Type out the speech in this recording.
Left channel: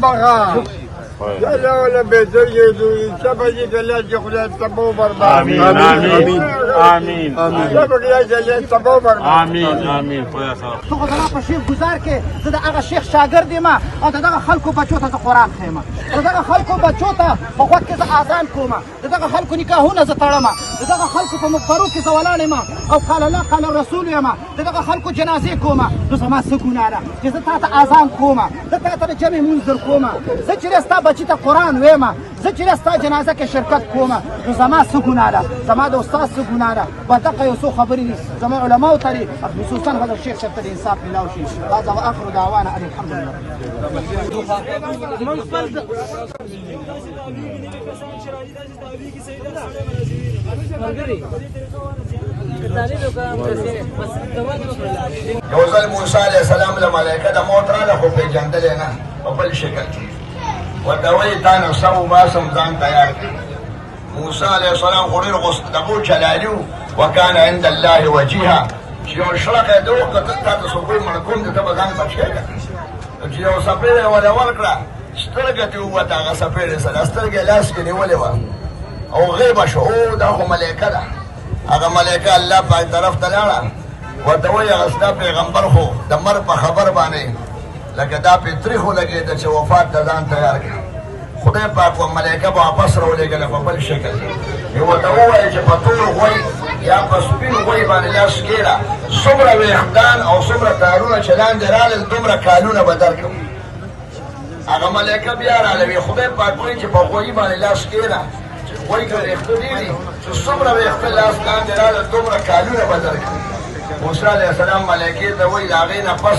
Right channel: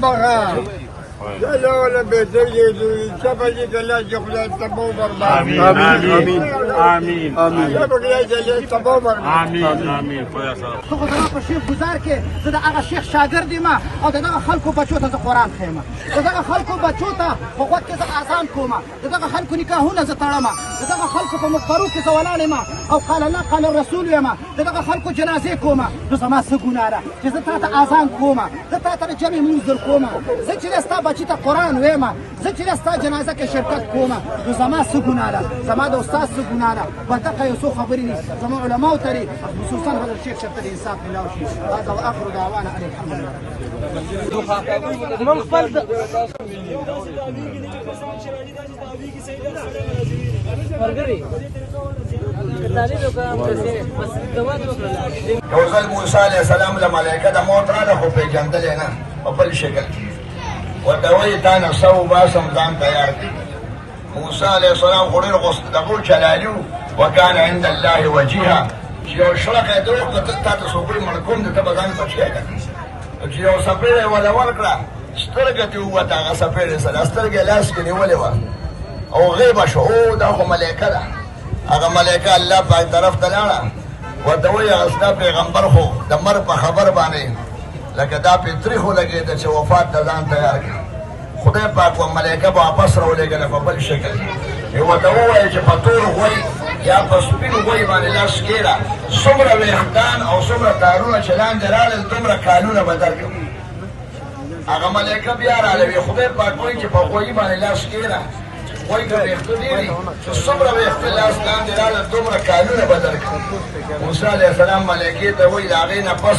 بغا لا ولا بيدري سبجي كلا جخلا تبو بربا آمين آمين آمين آمين سبجي جل تبو بربا آمين آمين تو خو زما په شیخ گزار کې زه د هغه شیخ شاګرد یم او د دغه خلکو بچو ته زه قرآن ښیم او دغه خلکو بچو ته په غوږ کې زه اذان کوم د دغه خلکو نکاحونه زه تړم د دغه خلکو په مقبرو کې زه ولاړ یم او قال الله قال الرسول یم د دغه خلکو جنازې کوم نو زما څه ګناه ده چې زه تا ته اذان کوم زه تا ته د جمع لمونځ در کوم زه چې ستا بچي ته قرآن ویم زه چې ستا جنازه کې شرکت کوم نو زما څه ګناه ده زما د استاد څه ګناه ده په دغه یو څو خبرې دي زما علماو ته دي خصوصا حضرت شیخ صاحب ته د انصاف ملاو شي هذا واخر دعوانا ان الحمد لله من خپل یو ځل موسی علیه السلام له ملایکه د موت راغله خو پېژندل یې نه په بل شکل کې ورته وایي تا نه سو باسم ځان تیار کړي موسی علیه السلام خو ډېر غوسه چلالي و وکان عند الله وجیها چې یو شړقه یې ته وکړه تا ته څوک مړ کوم د ته به ځان بچ کړې چې یو څپېړه یې ورله ورکړه سترګه ترې ووته هغه څپېړې سره سترګه یې لاس کې نیولې وه او غیبه شو او دا خو ملایکه ده هغه ملایکه الله پاک طرف ته لاړه ورته وایي هغه ستا پیغمبر خو د مرګ په خبر باندې لکه دا پې تریخ ولګېده چې وفات ته ځان تیار کړه خدای پاک و ملایکه به واپس راولېږله په بل شکل یې ورته ووایي چې په تور غوی یا په سپین غوی باندې لاس کېږده څومره ویښتان او څومره کارونه چې لاندې رالل دومره کانونه به درکړم هغه ملایکه بیا رالوي خدای پاک وایي چې په غوی باندې لاس کېږده چې غوی ته ویښته ډېر دي چې څومره ویښته لاس لاندې رالل دومره کانونه به درکړم موسی علیه السلام ملایکې ته وایي د هغې نه پس